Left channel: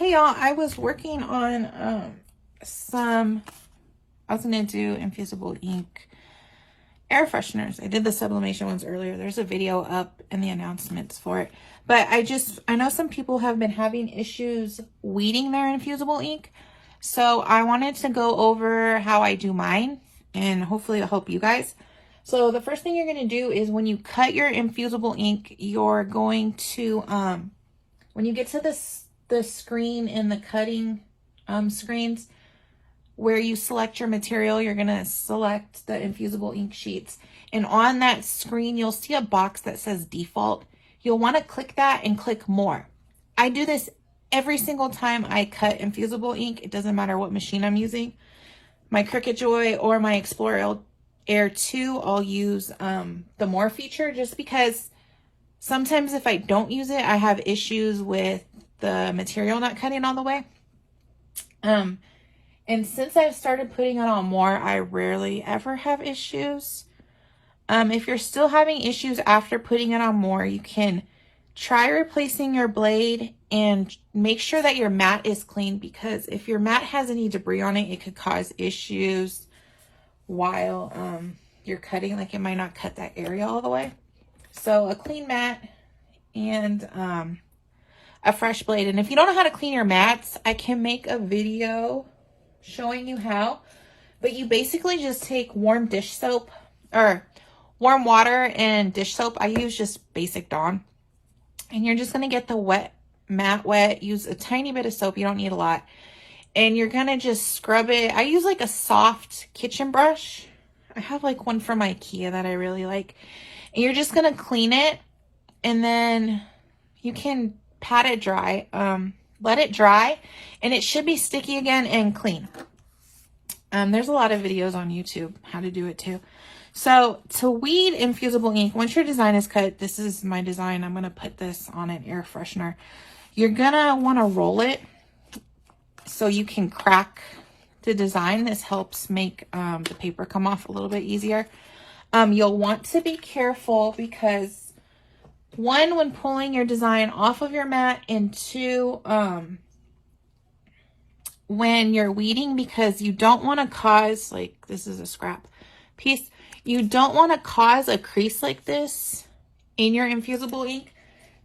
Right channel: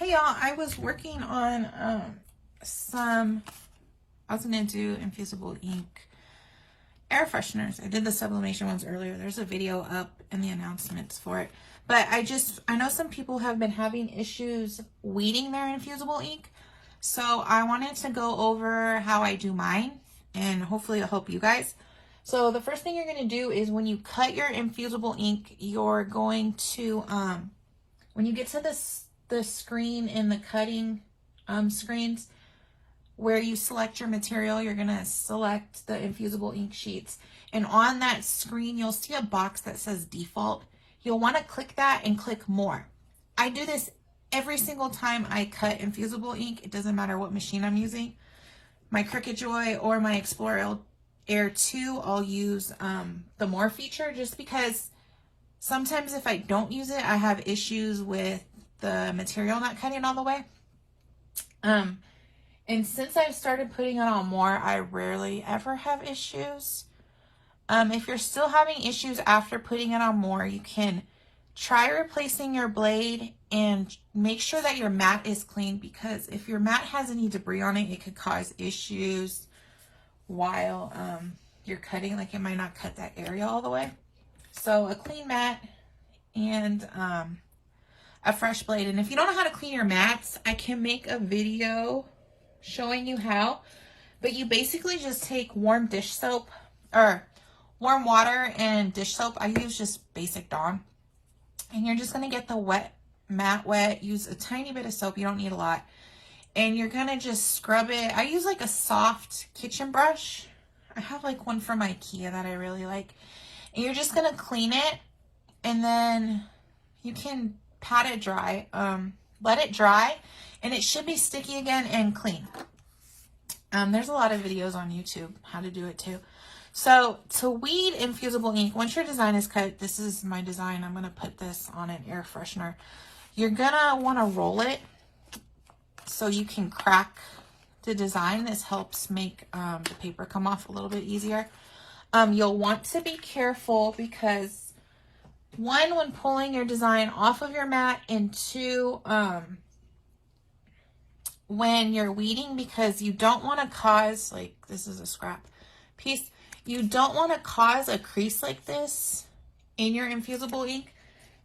Hey y'all, I was working on I was gonna do Infusible Ink air fresheners. I did the sublimation ones earlier. There's a video up in the announcements for it. But I know some people have been having issues weeding their Infusible Ink. So I wanted to go over how I do mine, and hopefully it'll help you guys. So the first thing you're gonna do is when you cut your Infusible Ink, you're going to, when you get to the screen in the cutting screens where you select your material, you're gonna select the Infusible Ink sheets. And on that screen, you'll see a box that says default. You'll wanna click that and click more. I do this every single time I cut Infusible Ink. It doesn't matter what machine I'm using. My Cricut Joy or my Explorer Air 2, I'll use the more feature, just because sometimes if I don't use it, I have issues with the material not cutting all the way. And since I've started putting it on more, I rarely ever have issues. If you're still having issues after putting it on more, you can try replacing your blade and make sure that your mat is clean, because if your mat has any debris on it, it could cause issues while you're cutting. Like, it might not cut that area all the way. So a clean mat and a fresh blade. And if you don't know how to clean your mats, I can make a video showing you how. But you basically just take warm dish soap, or warm water and dish soap. I use just basic Dawn. And you're just going to get the mat wet. Use a tiny bit of soap. You don't need a lot. And you're going to just scrub it. I use like a soft kitchen brush. I have like one from IKEA that I really like. And you're just going to clean it. And then you can pat it dry. Let it dry. And it should be sticky again and clean. There's a lot of videos on YouTube how to do it too. So to weed Infusible Ink, once your design is cut, this is my design. I'm going to put this on an air freshener. You're going to want to roll it so you can crack the design. This helps make the paper come off a little bit easier. You'll want to be careful because, one, when pulling your design off of your mat, and two, when you're weeding, because you don't want to cause, like, this is a scrap piece. You don't want to cause a crease like this in your Infusible Ink,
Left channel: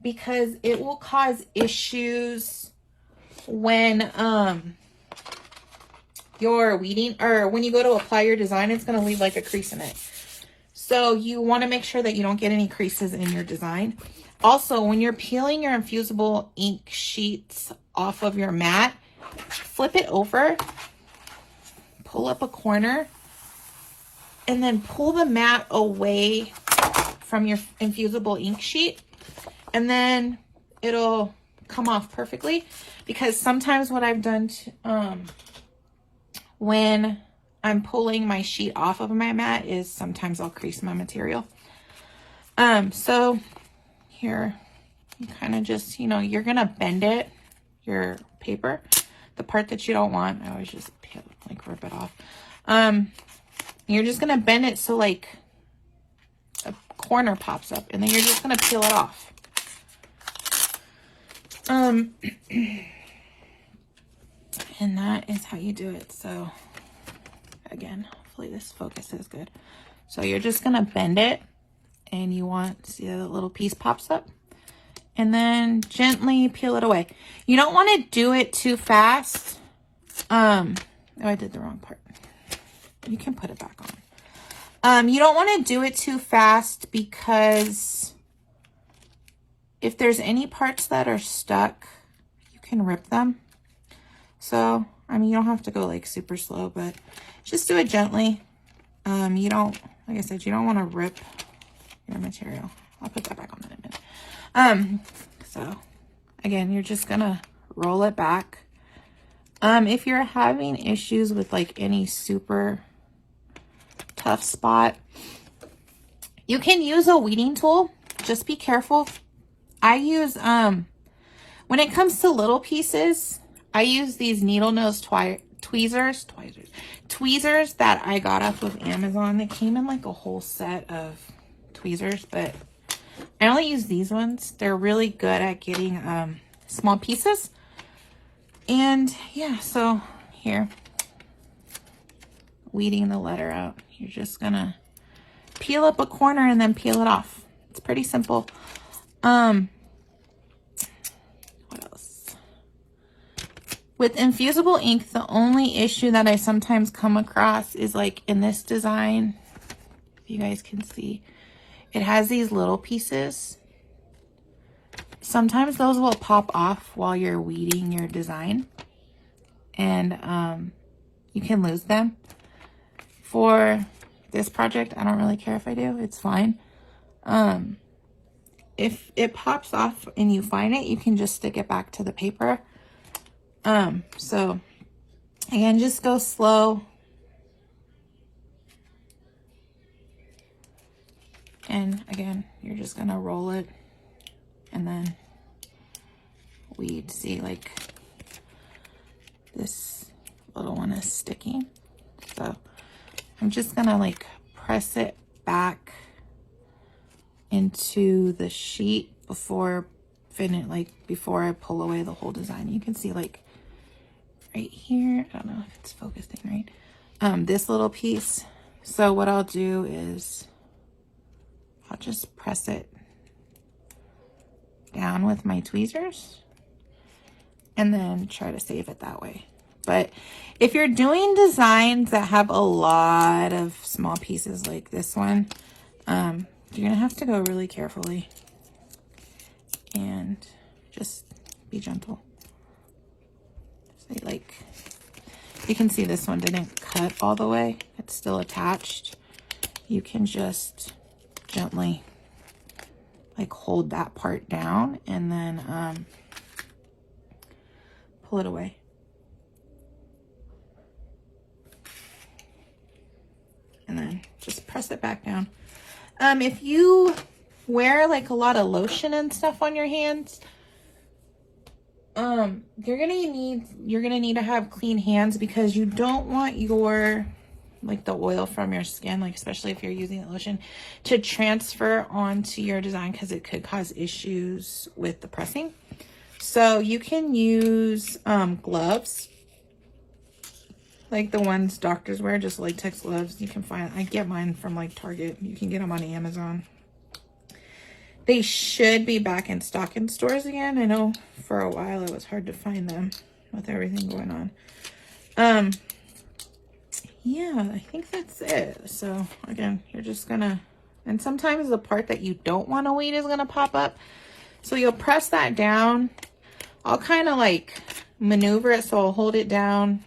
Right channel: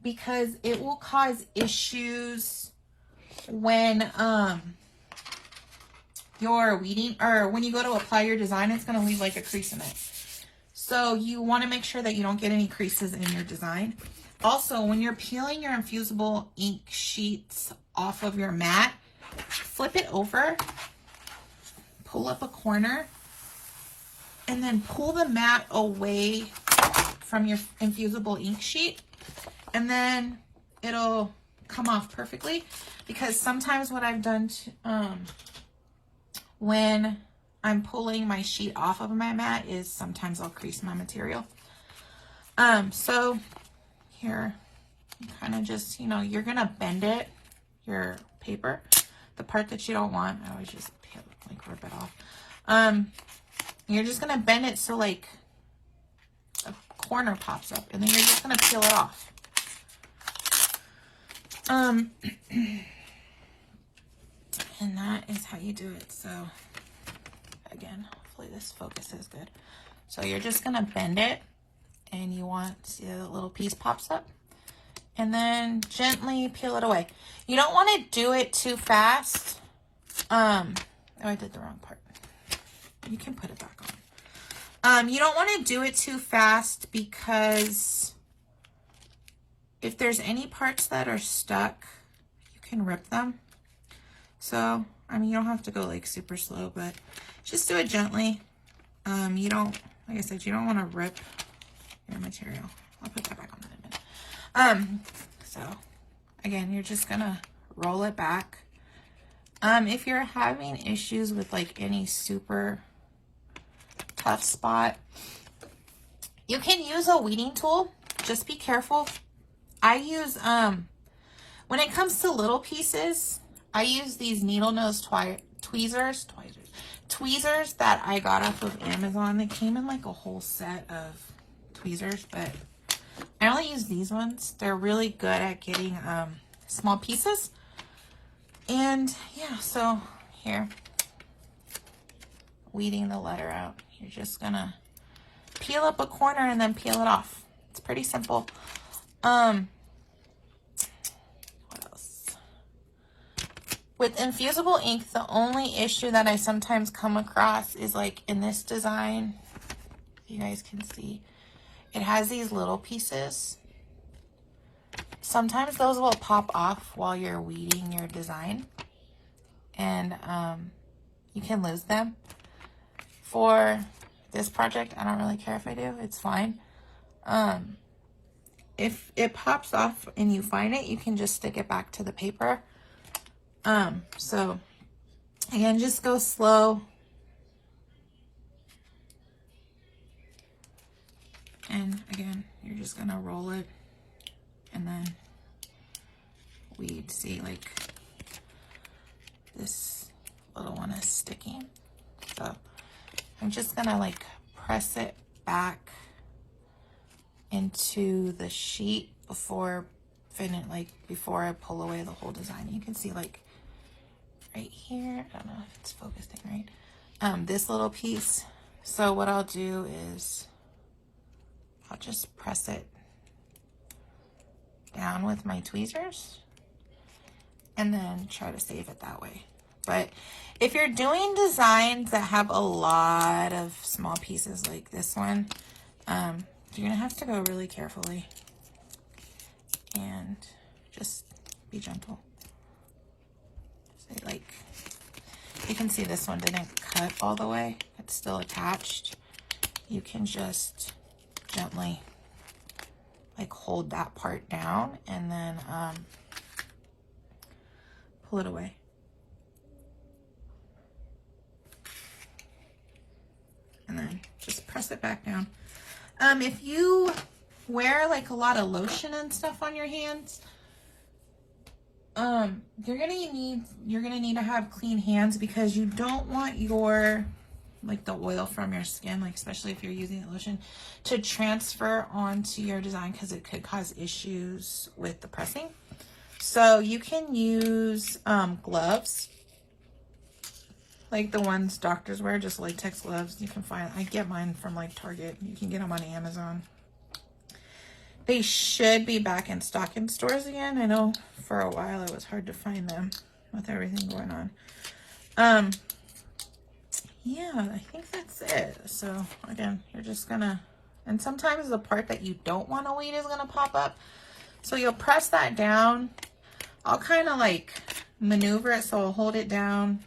because it will cause issues when you're weeding, or when you go to apply your design, it's going to leave like a crease in it. So you want to make sure that you don't get any creases in your design. Also, when you're peeling your Infusible Ink sheets off of your mat, flip it over, pull up a corner, and then pull the mat away from your Infusible Ink sheet, and then it'll come off perfectly. Because sometimes what I've done when I'm pulling my sheet off of my mat is sometimes I'll crease my material. So here, you kind of just, you're gonna bend it, your paper, the part that you don't want. I always just peel, like, rip it off. You're just gonna bend it so like a corner pops up, and then you're just gonna peel it off. And that is how you do it. So again, hopefully this focus is good. So you're just gonna bend it, and you want, see the little piece pops up, and then gently peel it away. You don't want to do it too fast. Oh, I did the wrong part. You can put it back on. You don't want to do it too fast, because if there's any parts that are stuck, you can rip them. So, I mean, you don't have to go like super slow, but just do it gently. You don't, like I said, you don't want to rip your material. I'll put that back on in a minute. So again, you're just gonna roll it back. If you're having issues with like any super tough spot, you can use a weeding tool. Just be careful. I use, when it comes to little pieces, I use these needle nose tweezers that I got off of Amazon. They came in like a whole set of tweezers, but I only use these ones. They're really good at getting small pieces. And yeah, so here, weeding the letter out. You're just gonna peel up a corner and then peel it off. It's pretty simple. What else? With Infusible ink, the only issue that I sometimes come across is like in this design, if you guys can see, it has these little pieces. Sometimes those will pop off while you're weeding your design, and you can lose them. For this project, I don't really care if I do, it's fine. If it pops off and you find it, you can just stick it back to the paper. So again, just go slow. And again, you're just gonna roll it and then weed. See, like this little one is sticking. So I'm just gonna like press it back into the sheet before before I pull away the whole design. You can see like right here, I don't know if it's focusing right, this little piece. So what I'll do is I'll just press it down with my tweezers and then try to save it that way. But if you're doing designs that have a lot of small pieces like this one, you're gonna have to go really carefully and just be gentle. So like, you can see this one didn't cut all the way. It's still attached. You can just gently like hold that part down and then pull it away. And then just press it back down. If you wear like a lot of lotion and stuff on your hands, you're gonna need to have clean hands, because you don't want your like the oil from your skin, like especially if you're using the lotion, to transfer onto your design, because it could cause issues with the pressing. So you can use gloves, like the ones doctors wear, just latex gloves. You can find, I get mine from like Target. You can get them on Amazon. They should be back in stock in stores again. I know for a while it was hard to find them with everything going on. Yeah, I think that's it. So again, you're just gonna, and sometimes the part that you don't want to weed is gonna pop up. So you'll press that down. I'll kind of like maneuver it, so I'll hold it down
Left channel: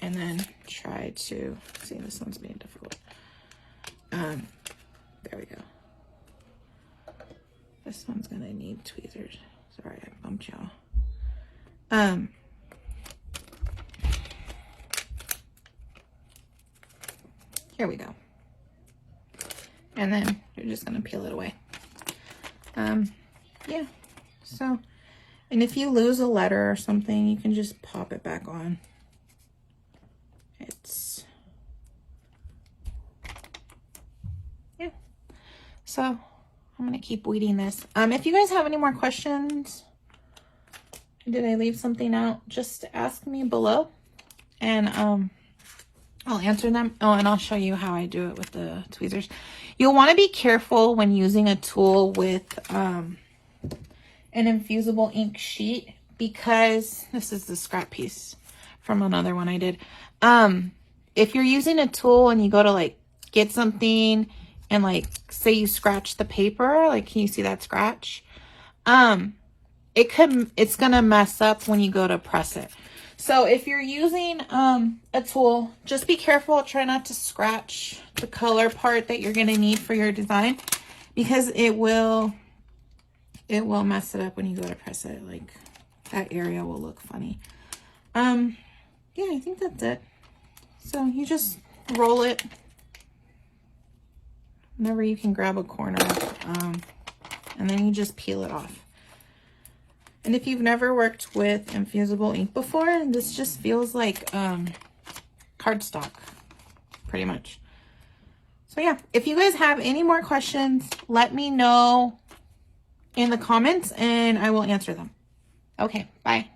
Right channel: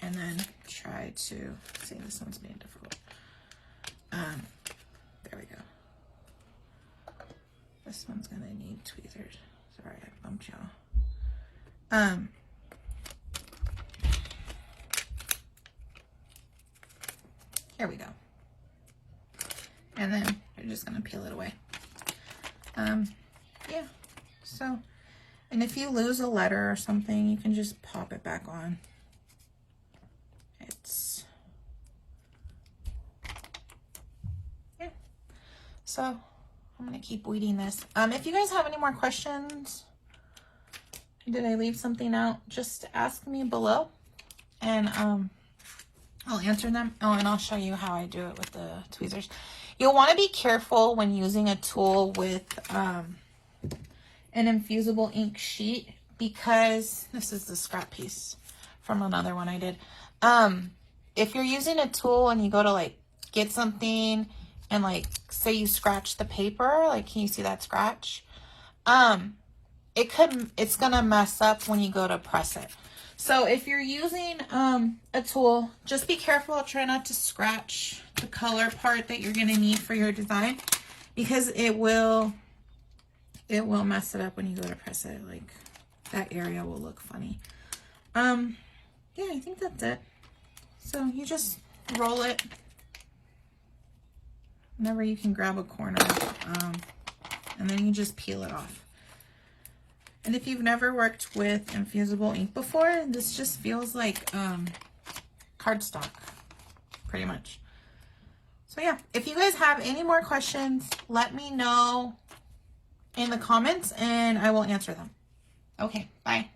and then try to, see, this one's being difficult. There we go. This one's gonna need tweezers. Sorry, I bumped y'all. Here we go. And then you're just gonna peel it away. Yeah, so, and if you lose a letter or something, you can just pop it back on. It's, yeah. So I'm gonna keep weeding this. If you guys have any more questions, did I leave something out, just ask me below, and I'll answer them. Oh, and I'll show you how I do it with the tweezers. You'll want to be careful when using a tool with an Infusible ink sheet, because this is the scrap piece from another one I did. If you're using a tool and you go to like get something and like say you scratch the paper, like can you see that scratch? It's gonna mess up when you go to press it. So if you're using a tool, just be careful. Try not to scratch the color part that you're gonna need for your design, because it will mess it up when you go to press it. Like that area will look funny. Yeah, I think that's it. So you just roll it whenever you can grab a corner, and then you just peel it off. And if you've never worked with Infusible ink before, this just feels like cardstock, pretty much. So yeah, if you guys have any more questions, let me know in the comments and I will answer them. Okay, bye.